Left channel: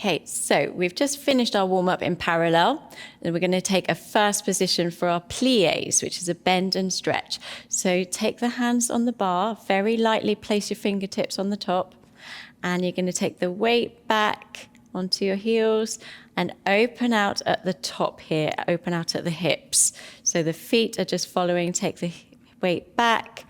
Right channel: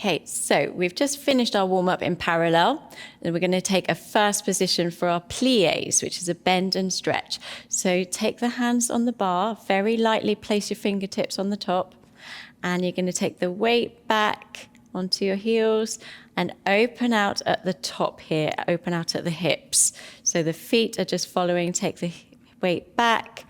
Okay, so we've just finished our warm-up in parallel, and we're going to take a first position for our pliés, which is a bend and stretch. So take the hands on the bar, very lightly place your fingertips on the top, and you're going to take the weight back onto your heels and open out at the top here, open out at the hips. So the feet are just following, take the weight back,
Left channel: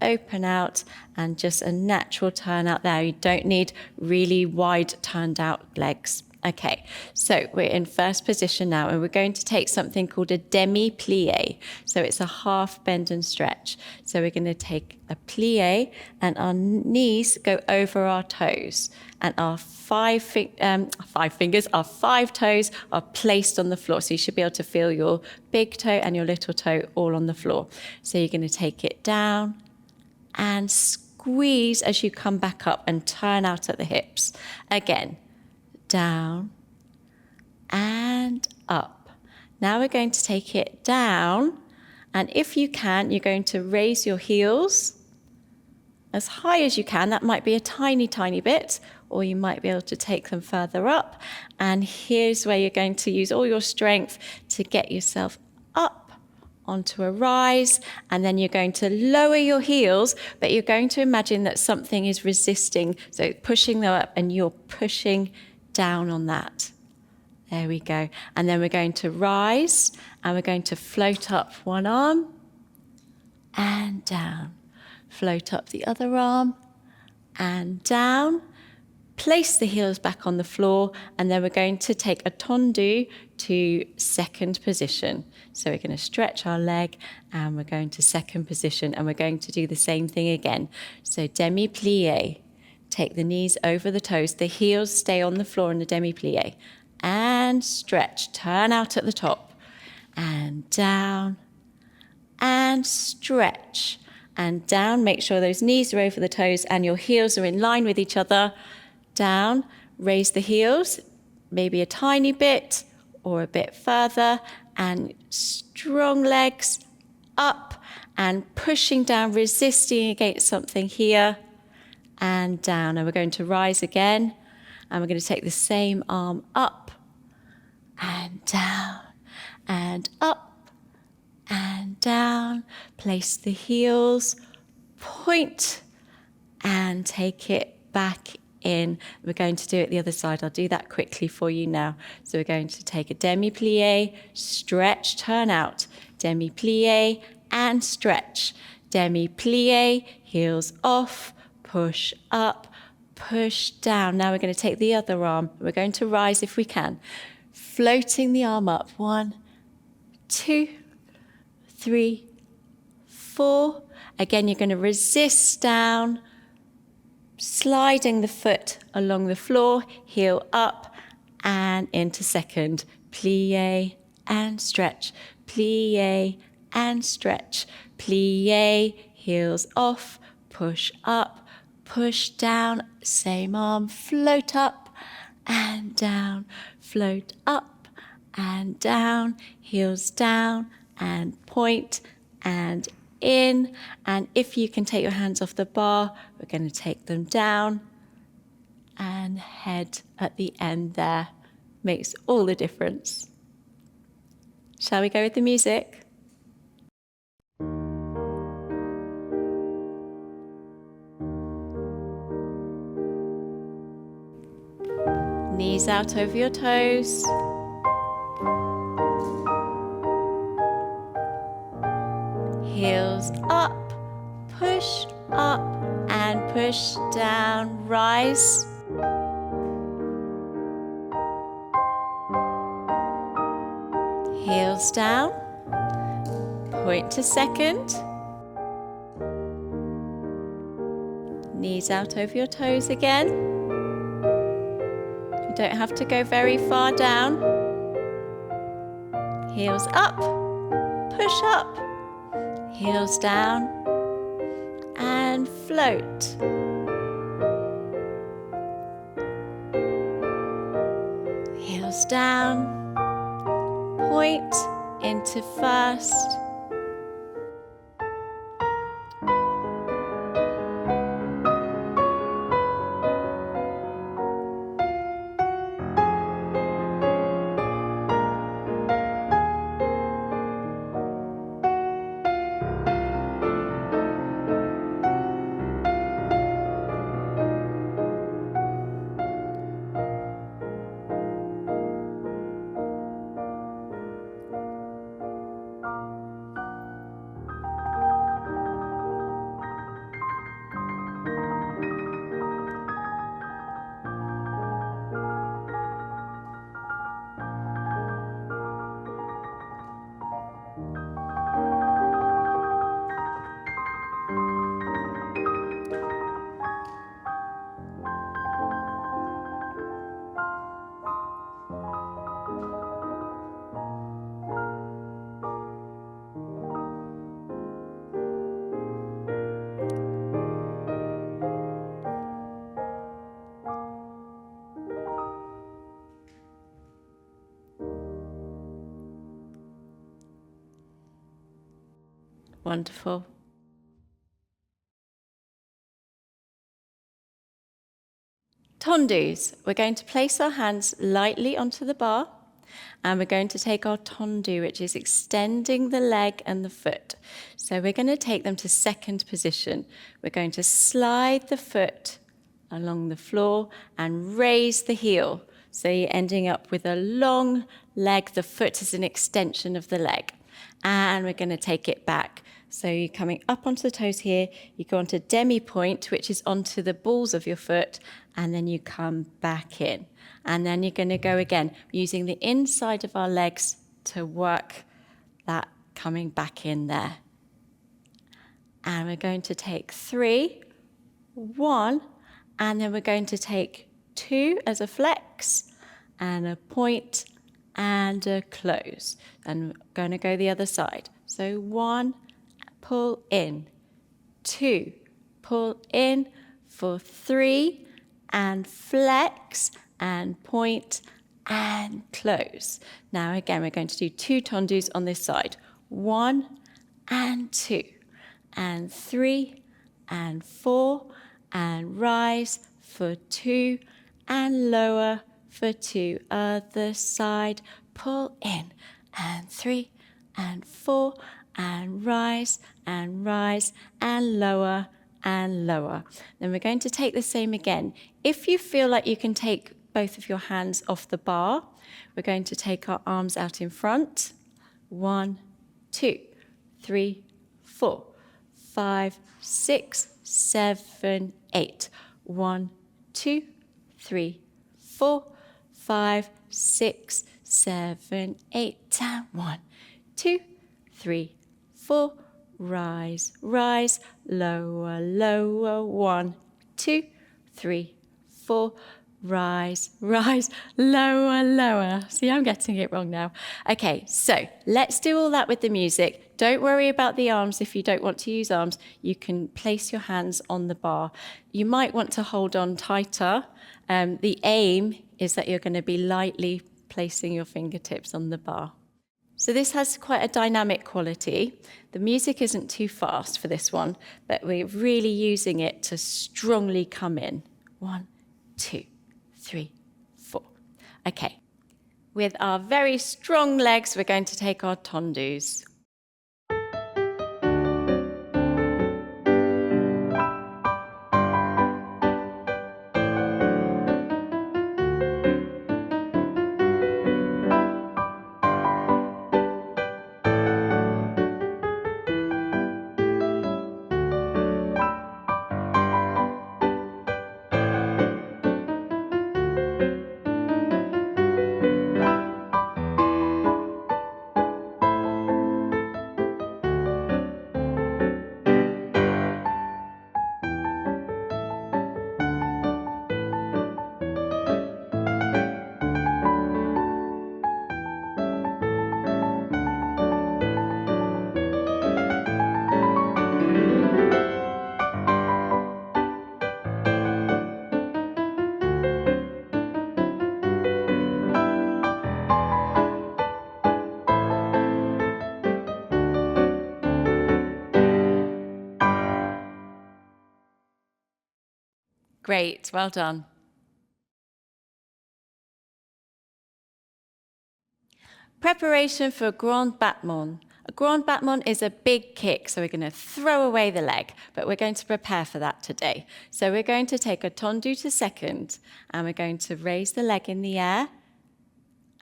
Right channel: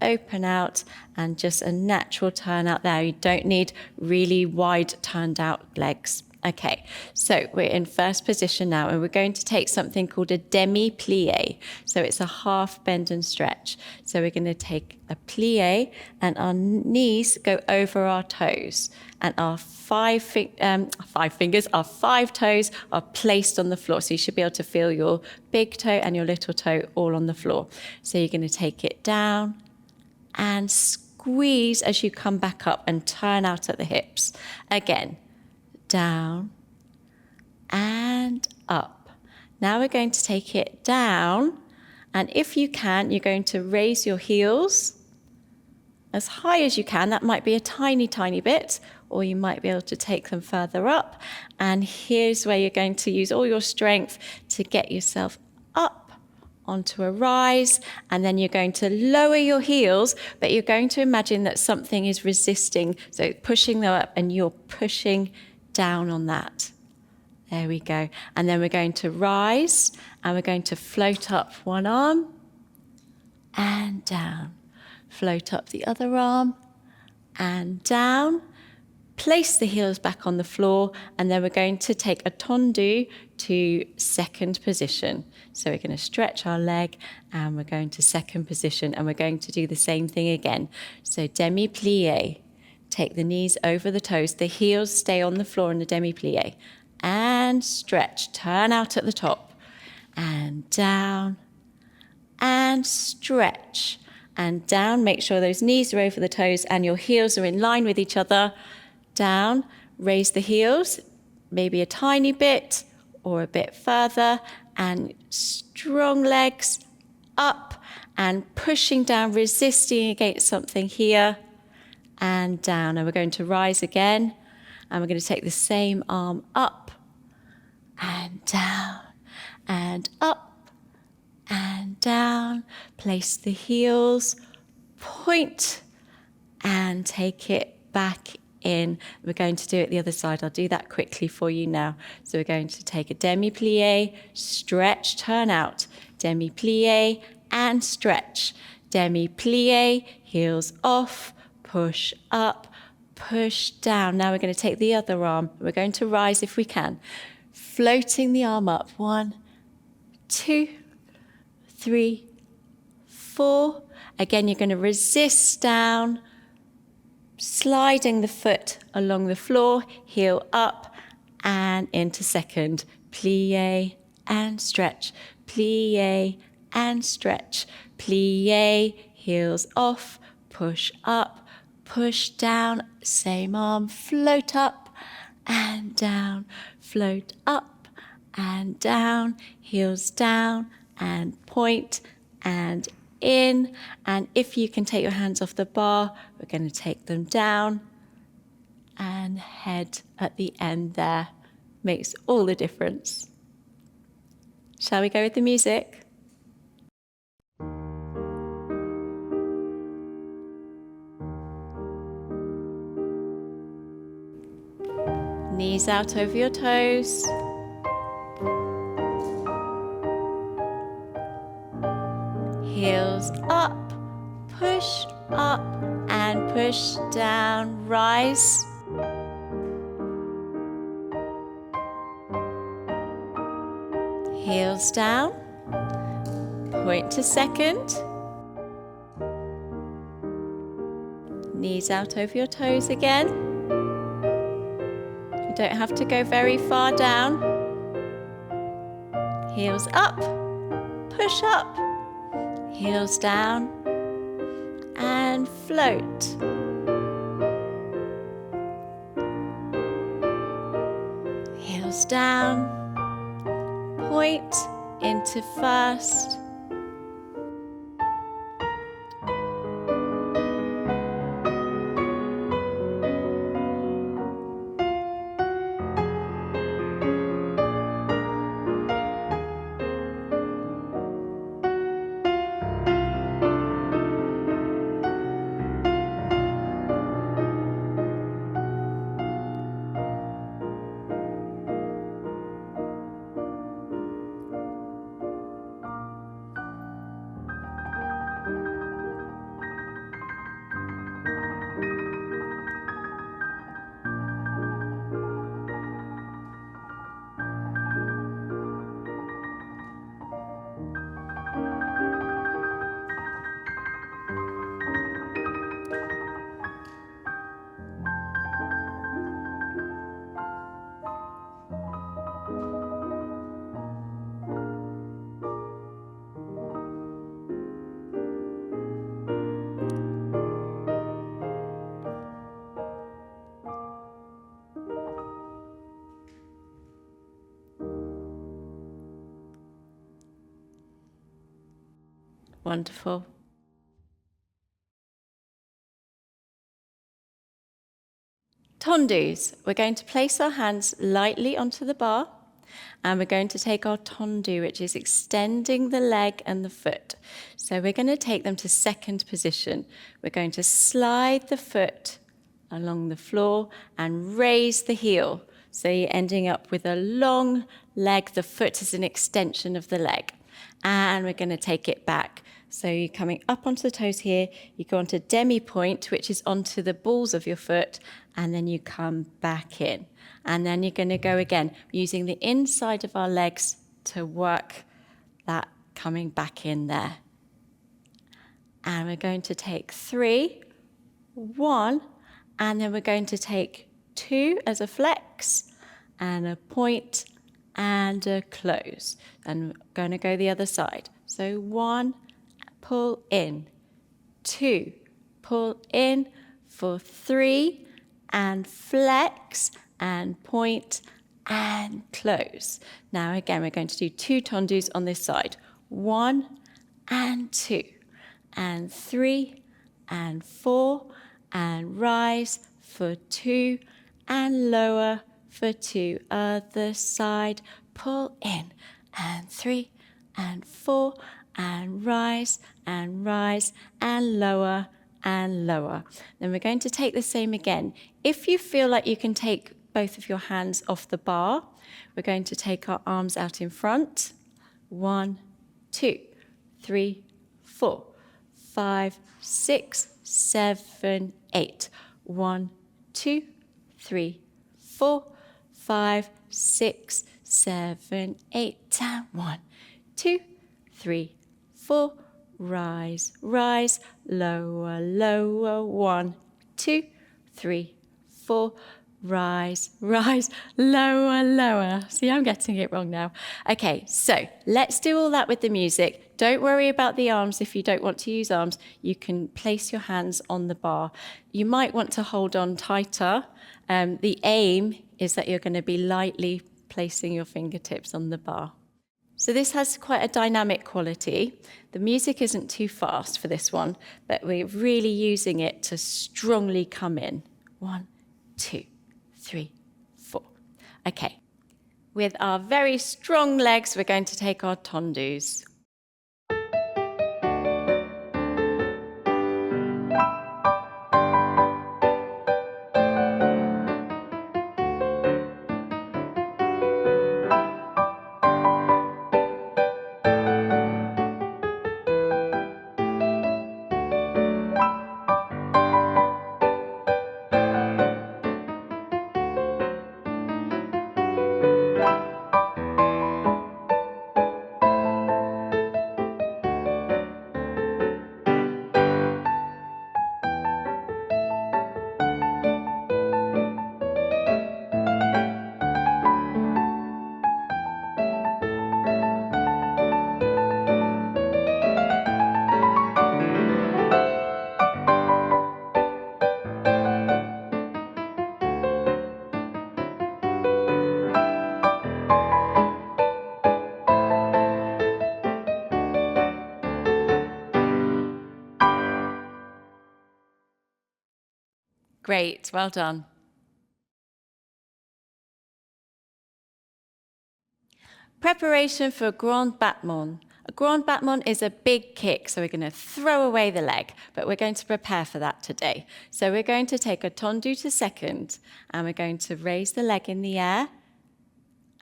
open out, and just a natural turn out there. You don't need really wide turned out legs. Okay, so we're in first position now, and we're going to take something called a demi-plie. So it's a half bend and stretch. So we're going to take a plie, and our knees go over our toes, and our five toes are placed on the floor. So you should be able to feel your big toe and your little toe all on the floor. So you're going to take it down and squeeze as you come back up and turn out at the hips. Again, down and up. Now we're going to take it down, and if you can, you're going to raise your heels as high as you can. That might be a tiny, tiny bit, or you might be able to take them further up. And here's where you're going to use all your strength to get yourself up onto a rise, and then you're going to lower your heels, but you're going to imagine that something is resisting, so pushing them up and you're pushing down on that. There we go. And then we're going to rise, and we're going to float up one arm and down. Float up the other arm and down. Place the heels back on the floor, and then we're going to take a tendu to second position. So we're going to stretch our leg, and we're going to second position, and we're going to do the same thing again. So demi-plie. Take the knees over the toes. The heels stay on the floor in the demi-plie. And stretch. Turn out at the top. And down. And stretch. And down. Make sure those knees are over the toes and your heels are in line with each other. Down. Raise the heels, maybe a tiny bit or a bit further. And strong legs up and pushing down, resisting against something here. And down. And we're going to rise again. And we're going to take the same arm up and down and up and down. Place the heels, point, and take it back in. We're going to do it the other side. I'll do that quickly for you now. So we're going to take a demi-plie, stretch, turn out, demi-plie, and stretch. Demi-plie, heels off, push up, push down. Now we're going to take the other arm. We're going to rise if we can. Floating the arm up. 1, 2, 3, 4. Again, you're going to resist down, sliding the foot along the floor, heel up and into second. Plie and stretch. Plie and stretch. Plie, heels off, push up, push down, same arm, float up and down, float up and down, heels down and point and in. And if you can take your hands off the bar, we're going to take them down and head at the end there. Makes all the difference. Shall we go with the music? Knees out over your toes. Heels up, push up and push down, rise. Heels down, point to second. Knees out over your toes again. You don't have to go very far down. Heels up, push up. Heels down and float. Heels down, point into first. Wonderful. Tendus. We're going to place our hands lightly onto the bar, and we're going to take our tendu, which is extending the leg and the foot. So we're going to take them to second position. We're going to slide the foot along the floor and raise the heel. So you're ending up with a long leg. The foot is an extension of the leg. And we're going to take it back. So you're coming up onto the toes here. You go onto demi-point, which is onto the balls of your foot, and then you come back in. And then you're going to go again, using the inside of our legs to work that coming back in there. And we're going to take 3, 1, and then we're going to take 2 as a flex, and a point, and a close. And we're going to go the other side. So 1, pull in, 2, pull in, for 3, and flex, and point, and close. Now again, we're going to do 2 tendus on this side. 1 and 2, and 3, and 4, and rise for 2, and lower for 2. Other side, pull in, and 3, and 4, and rise, and lower, and lower. Then we're going to take the same again. If you feel like you can take both of your hands off the bar, we're going to take our arms out in front. 1, 2, 3, 4, 5, 6, 7, 8. 1, 2, 3, 4, 5, 6, 7, 8. And 1, 2, 3, 4. Rise, rise, lower, lower. 1, 2, 3, 4. Rise, rise, lower, lower. See, I'm getting it wrong now. Okay, so let's do all that with the music. Don't worry about the arms if you don't want to use arms. You can place your hands on the bar. You might want to hold on tighter. The aim is that you're going to be lightly placing your fingertips on the bar. So this has quite a dynamic quality. The music isn't too fast for this one, but we're really using it to strongly come in. 1, 2, 3, 4. Okay. With our very strong legs, we're going to take our tendus. Great, well done. Preparation for a grand battement. A grand battement is a big kick, so we're going to throw away the leg, but we're going to prepare for that today. So we're going to take a tendu to second, and we're going to raise the leg in the air,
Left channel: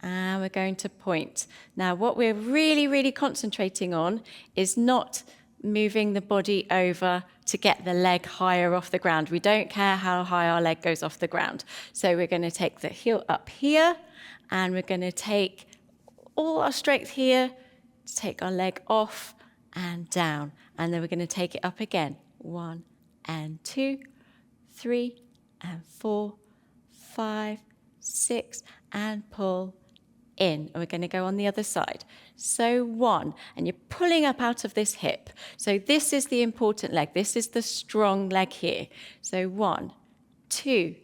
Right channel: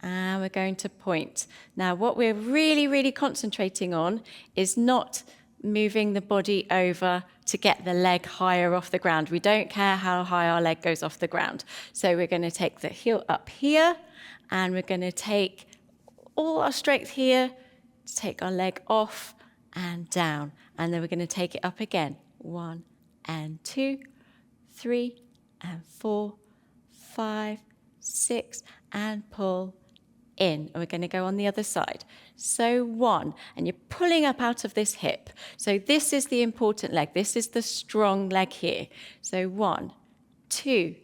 and we're going to point. Now, what we're really, really concentrating on is not moving the body over to get the leg higher off the ground. We don't care how high our leg goes off the ground. So we're going to take the heel up here, and we're going to take all our strength here to take our leg off and down. And then we're going to take it up again. 1 and 2, 3 and 4, 5, 6, and pull in. And we're going to go on the other side. So 1, and you're pulling up out of this hip. So this is the important leg. This is the strong leg here. So 1, 2,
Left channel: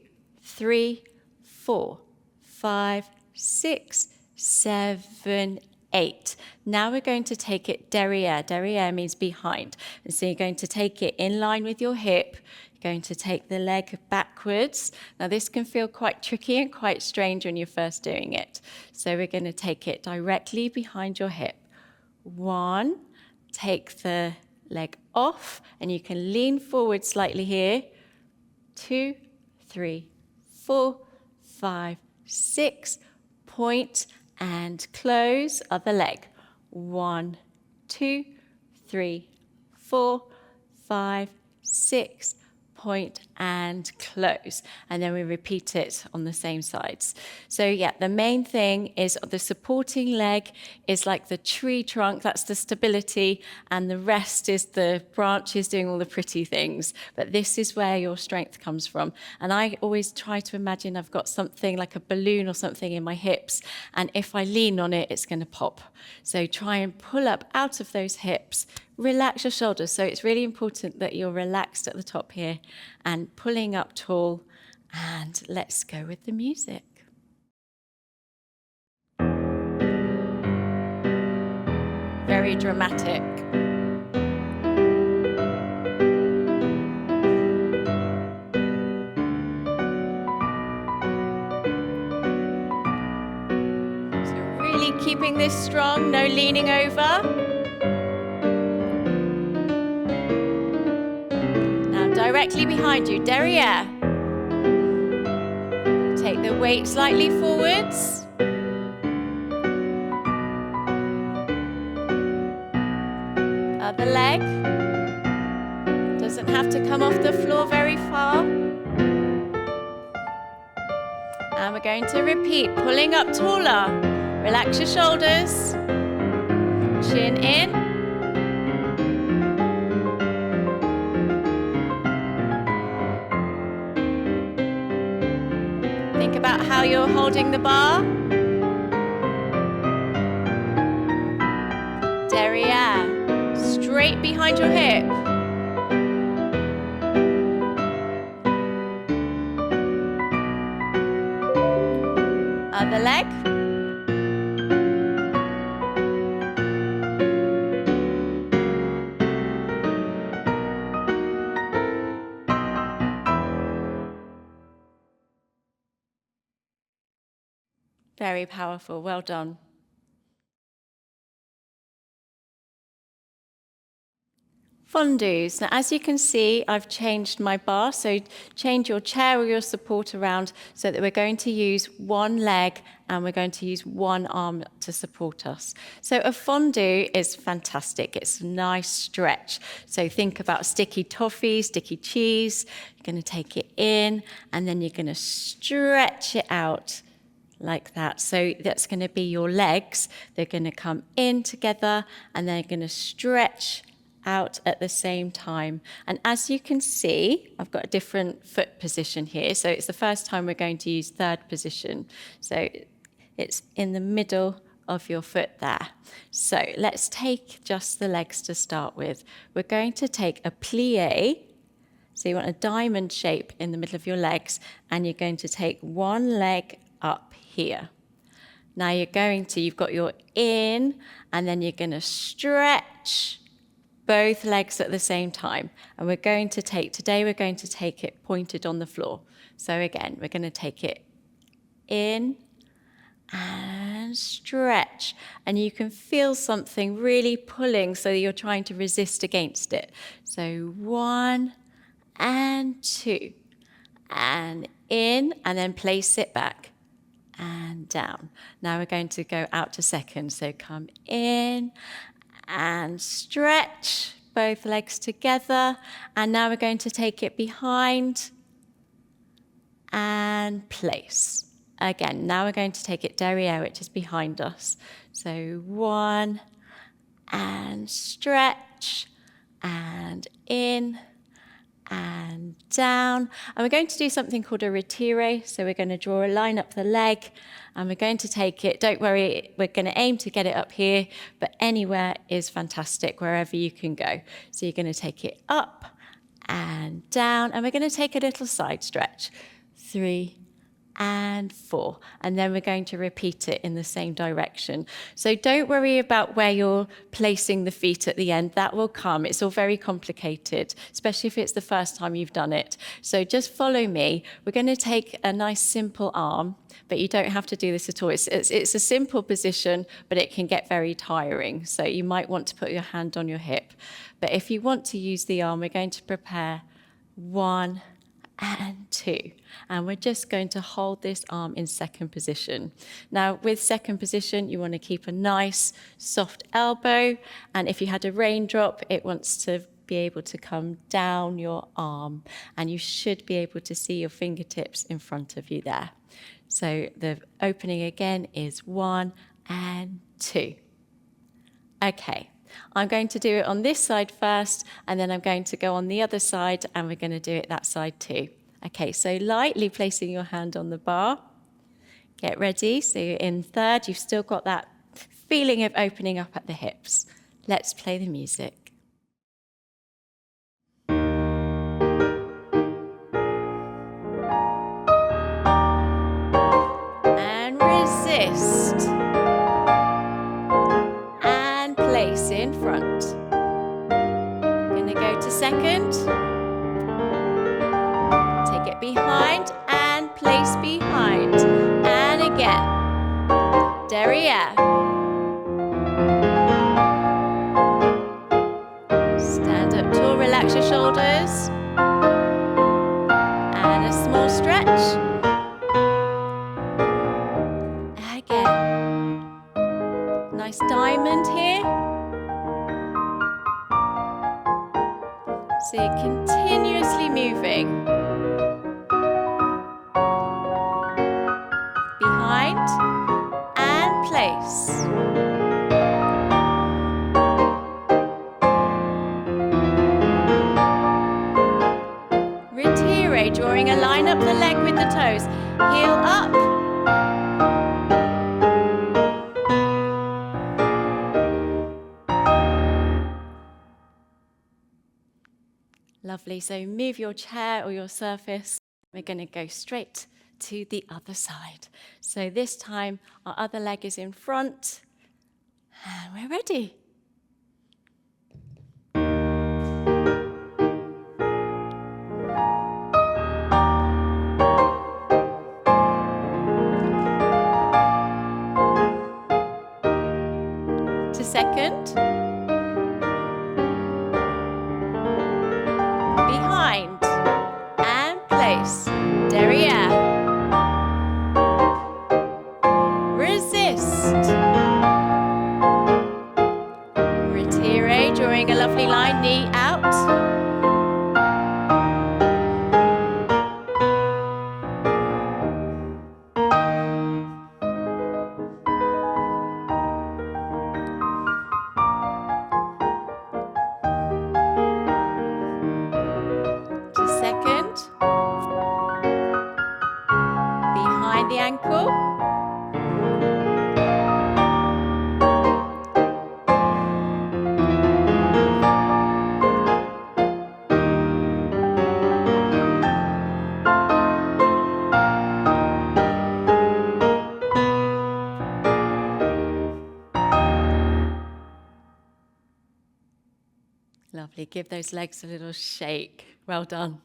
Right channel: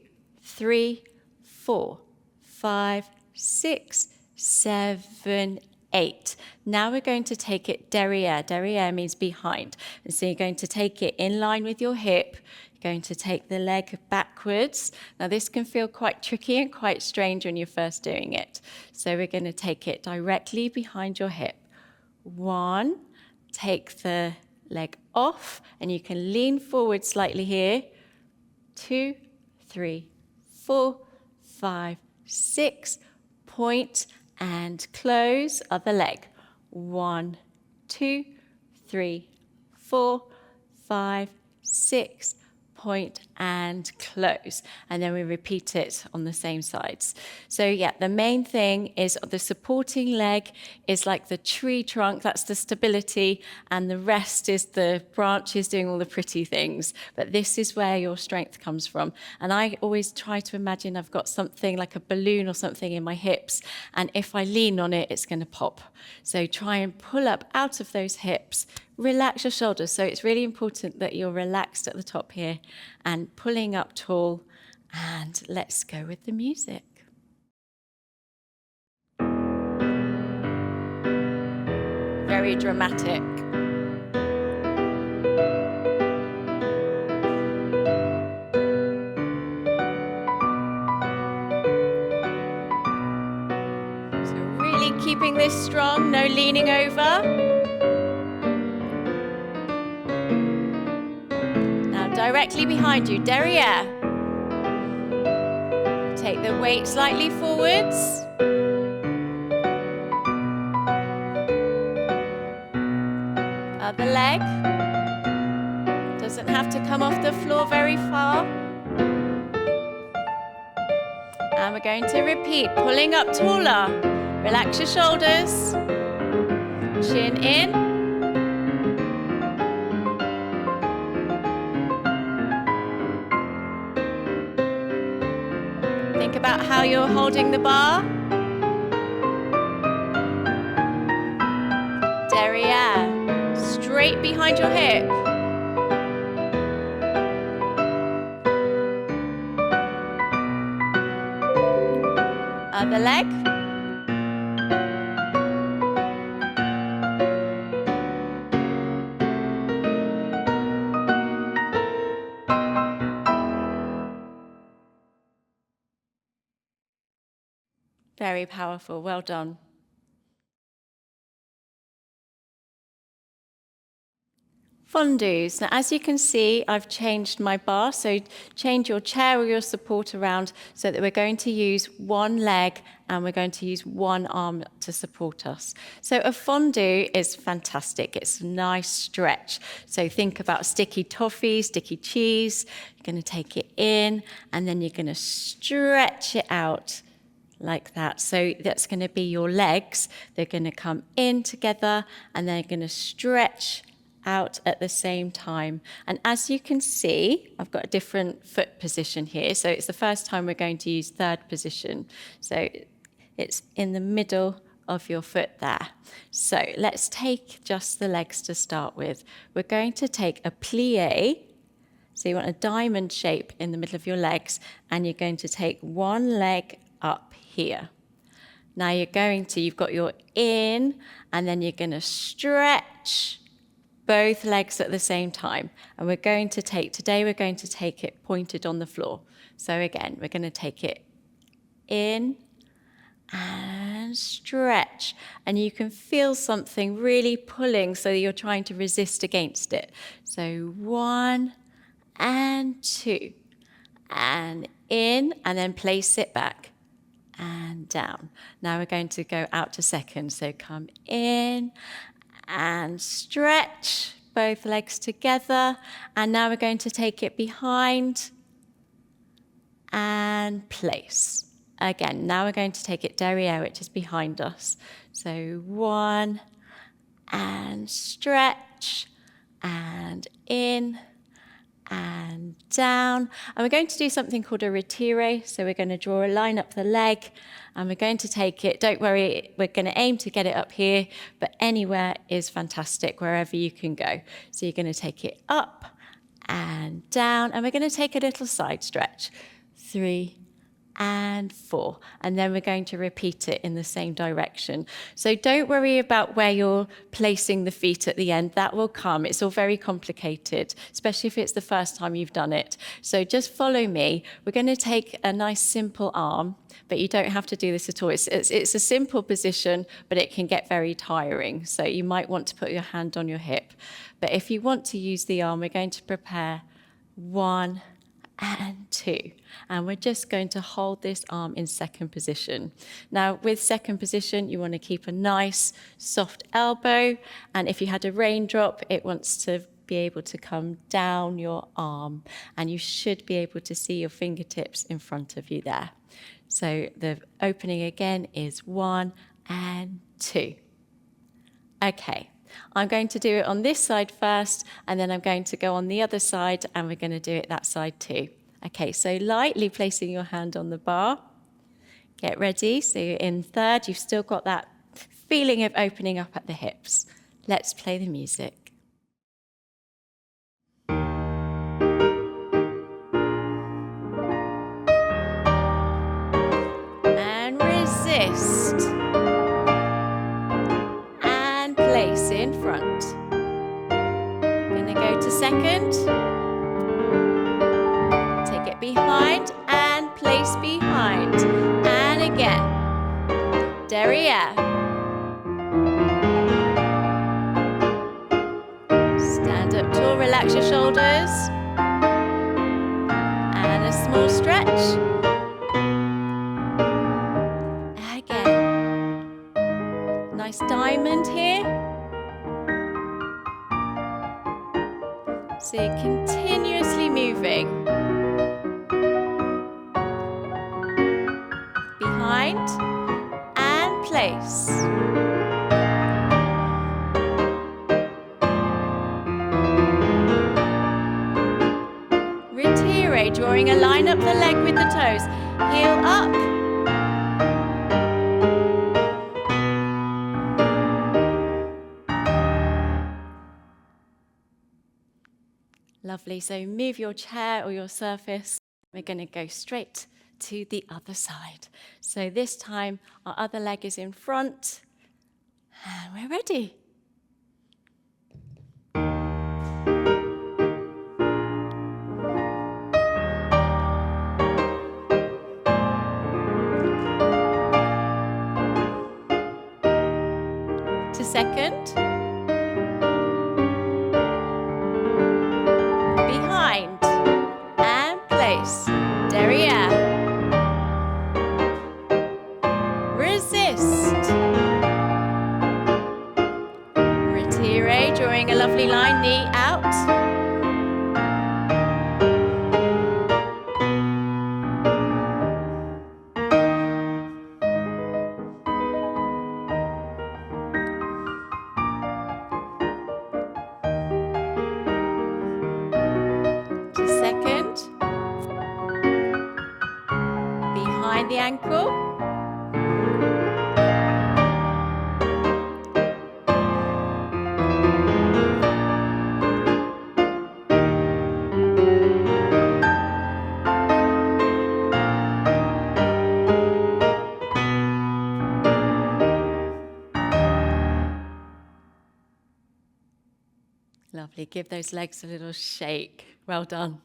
3, 4, 5, 6, 7, 8. Now we're going to take it derriere. Derriere means behind. And so you're going to take it in line with your hip. You're going to take the leg backwards. Now this can feel quite tricky and quite strange when you're first doing it. So we're going to take it directly behind your hip. 1, take the leg off, and you can lean forward slightly here. 2, 3, 4, 5, 6, point and close, other leg. 1, 2, 3, 4, 5, 6, point and close. And then we repeat it on the same sides. So yeah, the main thing is the supporting leg is like the tree trunk, that's the stability, and the rest is the branches doing all the pretty things. But this is where your strength comes from. And I always try to imagine I've got something like a balloon or something in my hips, and if I lean on it, it's going to pop. So try and pull up out of those hips. Relax your shoulders. So it's really important that you're relaxed at the top here and pulling up tall. And let's go with the music. Very dramatic. So really keeping this strong, no leaning over. Directly behind you, derriere. Take the weight slightly forwards. Other leg. Doesn't have to come off the floor very far. And we're going to repeat, pulling up taller. Relax your shoulders. Chin in. Think about how you're holding the bar. Derriere, straight behind your hip. Other leg. Very powerful, well done. Fondus. Now, as you can see, I've changed my bar, so change your chair or your support around so that we're going to use one leg and we're going to use one arm to support us. So a fondue is fantastic. It's a nice stretch. So think about sticky toffee, sticky cheese. You're going to take it in and then you're going to stretch it out like that. So that's going to be your legs. They're going to come in together and they're going to stretch out at the same time. And as you can see, I've got a different foot position here. So it's the first time we're going to use third position. So it's in the middle of your foot there. So let's take just the legs to start with. We're going to take a plie. So you want a diamond shape in the middle of your legs, and you're going to take one leg up here. Now you've got your in, and then you're going to stretch both legs at the same time. And today we're going to take it pointed on the floor. So again, we're going to take it in and stretch. And you can feel something really pulling, so you're trying to resist against it. So 1 and 2, and in, and then place it back and down. Now we're going to go out to second. So come in and stretch both legs together. And now we're going to take it behind and place. Again, now we're going to take it derriere, which is behind us. So 1 and stretch and in and down. And we're going to do something called a retire. So we're going to draw a line up the leg and we're going to take it. Don't worry, we're going to aim to get it up here, but anywhere is fantastic, wherever you can go. So you're going to take it up and down, and we're going to take a little side stretch. 3 and 4. And then we're going to repeat it in the same direction. So don't worry about where you're placing the feet at the end. That will come. It's all very complicated, especially if it's the first time you've done it. So just follow me. We're going to take a nice simple arm, but you don't have to do this at all. It's a simple position, but it can get very tiring. So you might want to put your hand on your hip. But if you want to use the arm, we're going to prepare 1 and 2. And we're just going to hold this arm in second position. Now, with second position, you want to keep a nice, soft elbow. And if you had a raindrop, it wants to be able to come down your arm. And you should be able to see your fingertips in front of you there. So the opening again is 1 and 2. Okay. I'm going to do it on this side first, and then I'm going to go on the other side, and we're going to do it that side too. Okay, so lightly placing your hand on the bar. Get ready. So you're in third. You've still got that feeling of opening up at the hips. Let's play the music. And resist. Place in front. Gonna go to second. Take it behind and place behind. And again. Derriere. Stand up tall, relax your shoulders. And a small stretch. Again. Nice diamond here. So you're continuously moving. Behind and place. Retire, drawing a line up the leg with the toes. Heel up. Lovely. So move your chair or your surface. We're going to go straight to the other side. So this time our other leg is in front and we're ready. To second. Behind and place. Derriere. Resist. Retire, drawing a lovely line, knee out. Second, behind the ankle, lovely, give those legs a little shake, well done.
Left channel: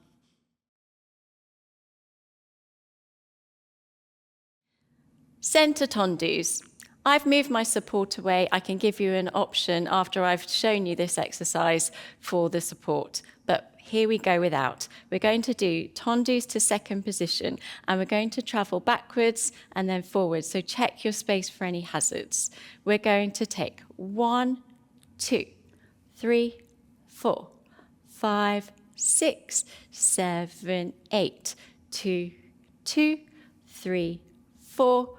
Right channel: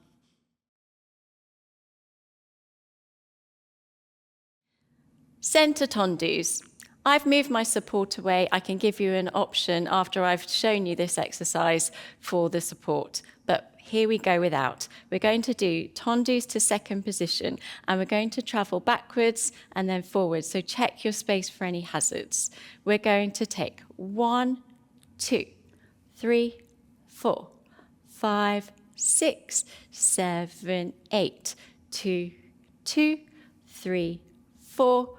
Centre tendus. I've moved my support away. I can give you an option after I've shown you this exercise for the support. But here we go without. We're going to do tendus to second position, and we're going to travel backwards and then forwards. So check your space for any hazards. We're going to take 1, 2, 3, 4, 5, 6, 7, 8. 2, 2, 3, 4,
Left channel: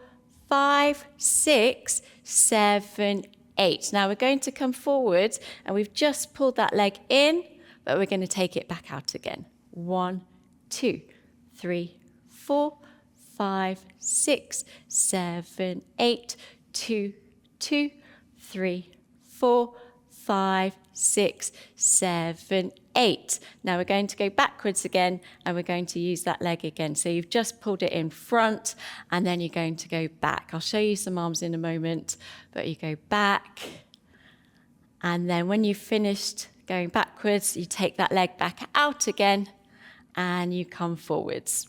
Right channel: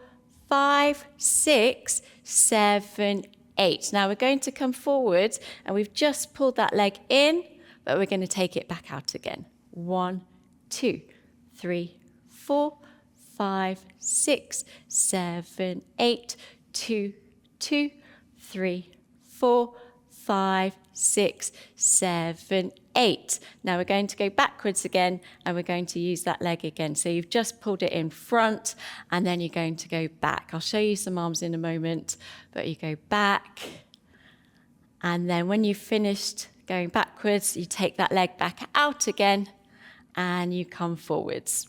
5, 6, 7, 8. Now we're going to come forward and we've just pulled that leg in, but we're going to take it back out again. 1, 2, 3, 4, 5, 6, 7, 8. 2, 2, 3, 4, 5, 6, 7, 8. Now we're going to go backwards again, and we're going to use that leg again. So you've just pulled it in front, and then you're going to go back. I'll show you some arms in a moment, but you go back, and then when you've finished going backwards, you take that leg back out again, and you come forwards.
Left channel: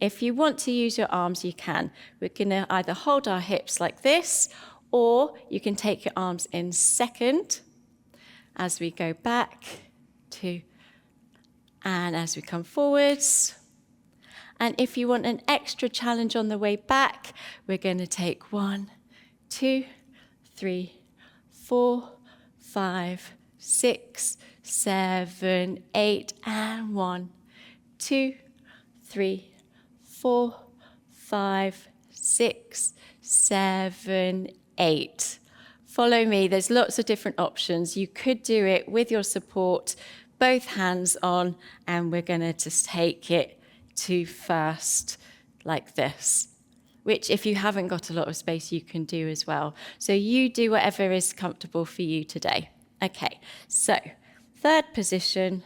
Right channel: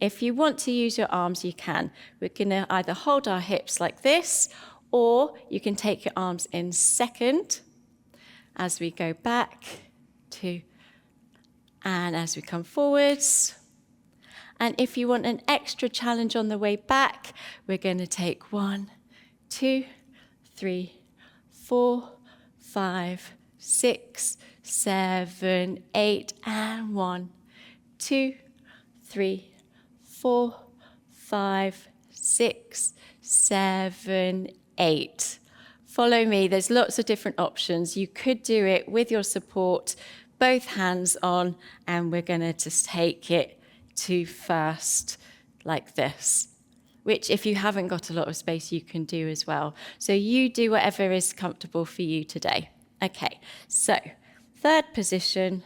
If you want to use your arms, you can. We're going to either hold our hips like this, or you can take your arms in second as we go back, 2, and as we come forwards. And if you want an extra challenge on the way back, we're going to take 1, 2, 3, 4, 5, 6, 7, 8, and 1, 2, 3, 4, 5, 6, 7, 8. Follow me. There's lots of different options. You could do it with your support, both hands on, and we're going to just take it to first like this, which if you haven't got a lot of space, you can do as well. So you do whatever is comfortable for you today. Okay, so third position,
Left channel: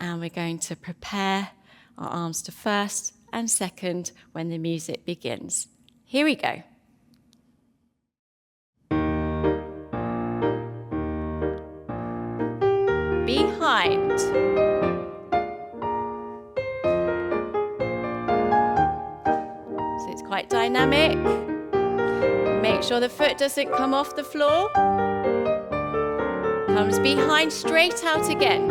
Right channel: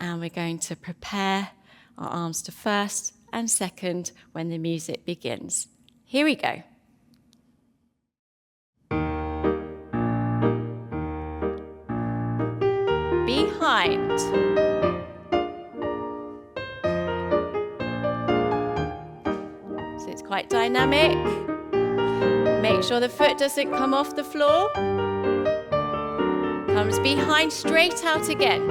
and we're going to prepare our arms to first and second when the music begins. Here we go. Behind. So it's quite dynamic. Make sure the foot doesn't come off the floor. Comes behind, straight out again.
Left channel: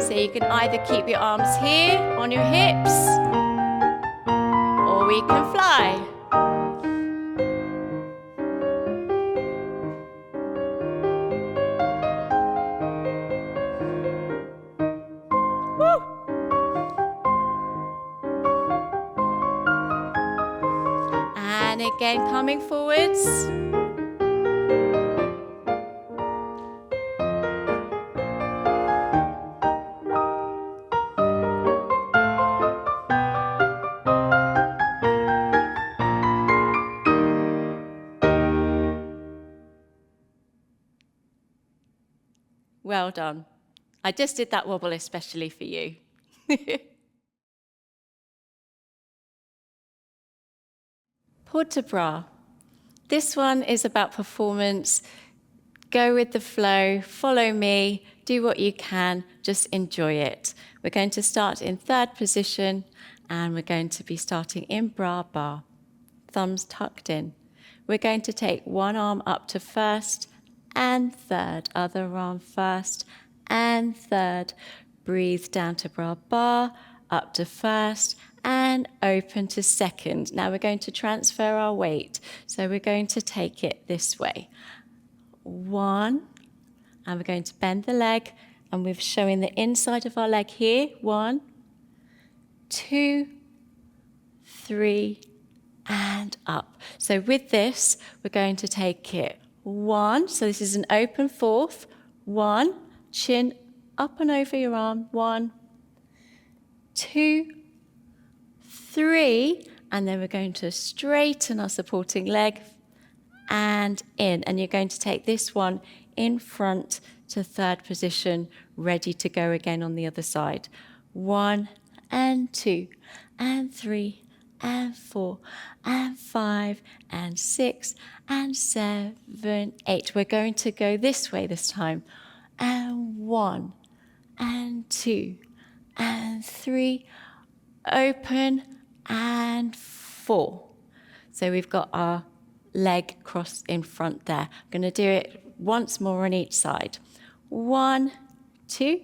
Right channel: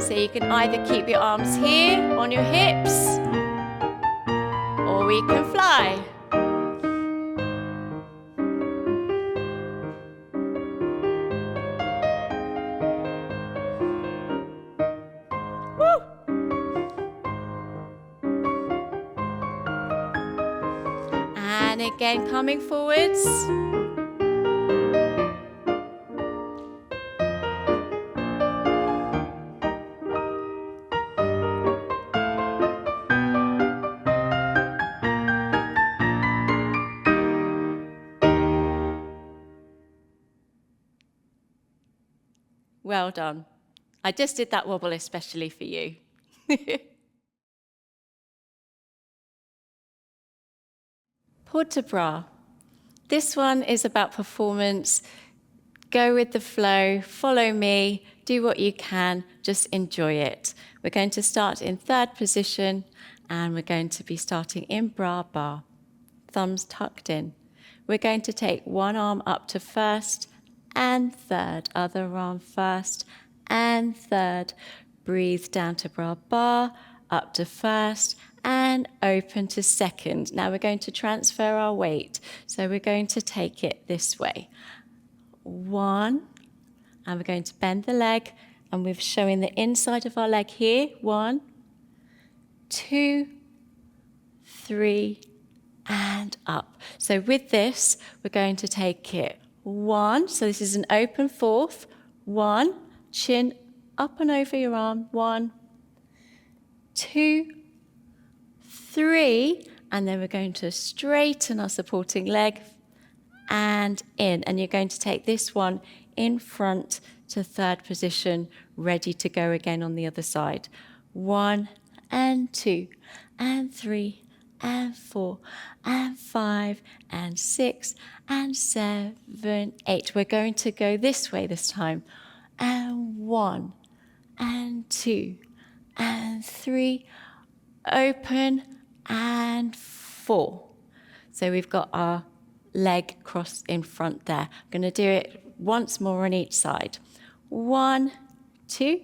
So you can either keep your arms here on your hips, or we can fly. Woo! And again, coming forwards. Well done. I just did that wobble especially for you. Port de bras. This one is about performance. Go with the flow, follow me, do what you can, just enjoy it. We're going to start in third position, and we're going to be starting in bra bar. Thumbs tucked in. We're going to take one arm up to first and third, other arm first and third. Breathe down to bra bar, up to first and open to second. Now we're going to transfer our weight. So we're going to take it this way. 1, and we're going to bend the leg, and we're showing the inside of our leg here. 1, 2, 3, and up. So with this, we're going to take it 1, so this is an open fourth. 1, chin up and over your arm. 1, 2, 3, and then we're going to straighten our supporting leg and in. And you're going to take this one in front to third position, ready to go again on the other side. 1 and 2 and 3 and 4 and 5 and 6 and 7, 8. We're going to go this way this time. And 1 and 2 and 3, open, and 4. So we've got our leg crossed in front there. I'm going to do it once more on each side. 1, 2,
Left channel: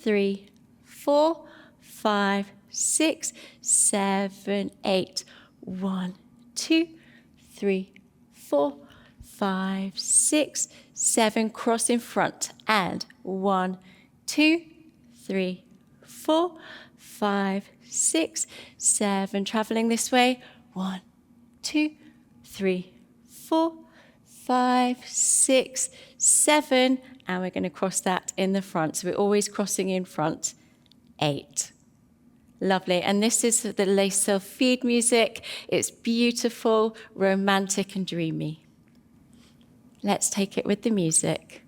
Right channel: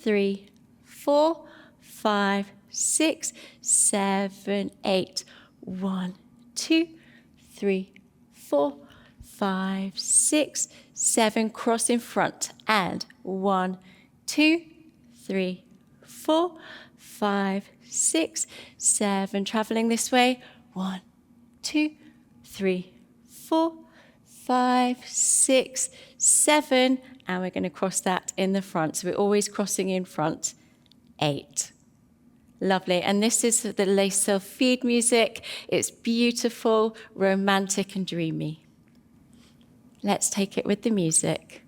3, 4, 5, 6, 7, 8. 1, 2, 3, 4, 5, 6, 7. Cross in front. And 1, 2, 3, 4, 5, 6, 7. Traveling this way. 1, 2, 3, 4, 5, 6, 7. And we're going to cross that in the front. So we're always crossing in front. 8. Lovely. And this is the Les Sylphides music. It's beautiful, romantic, and dreamy. Let's take it with the music.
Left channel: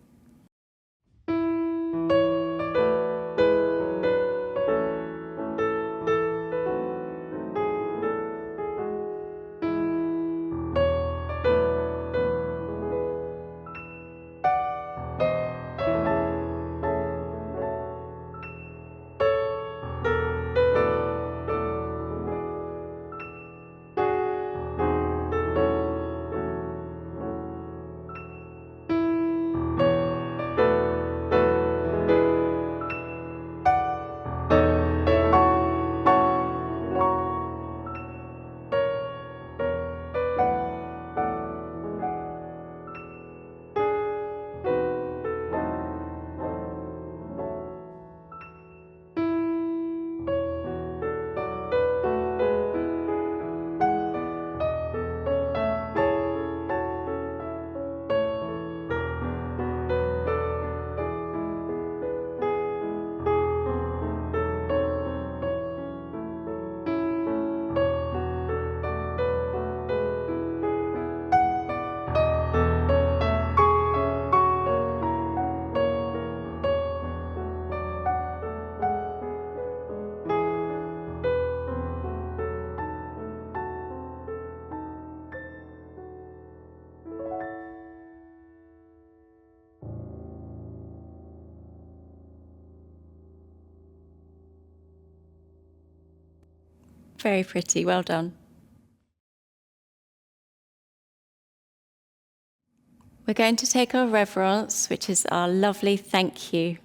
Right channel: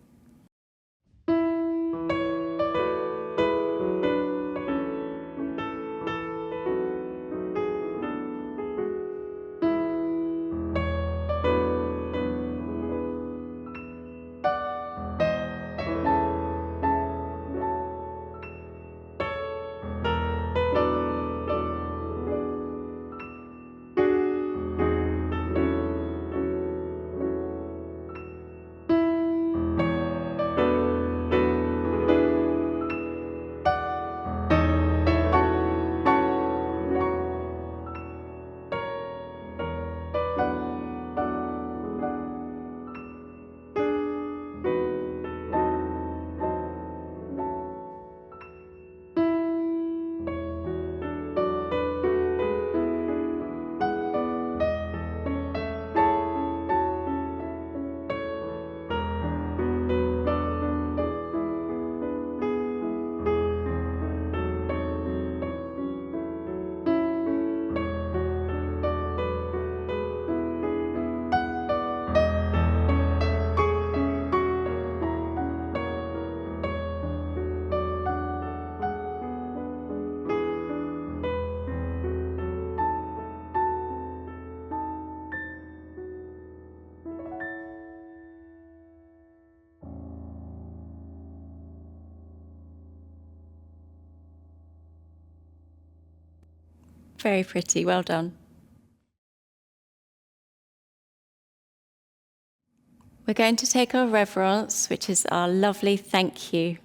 Very pretty. Well done. We're going to take our reverence, which is our lovely thank you.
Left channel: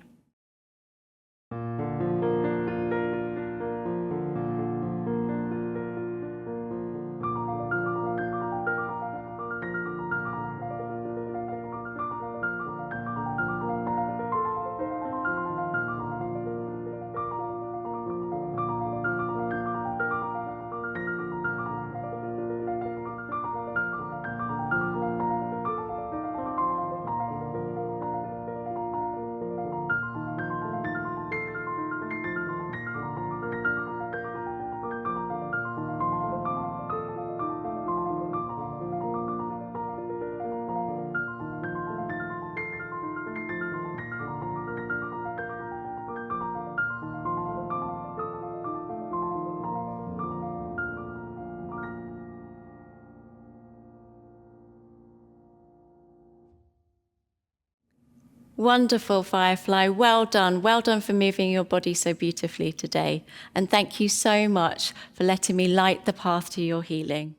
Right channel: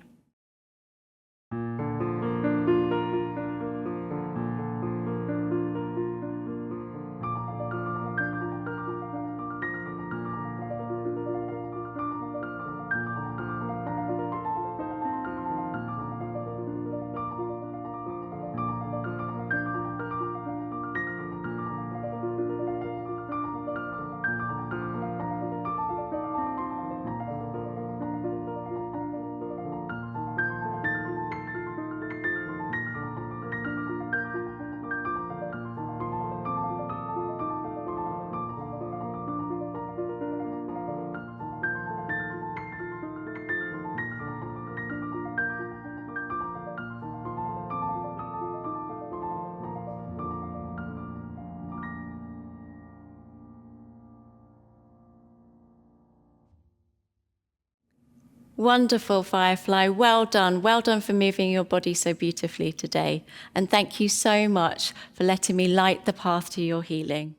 Wonderful, Firefly. Well done. Well done for moving your body so beautifully today. And thank you so much for letting me light the path to your healing.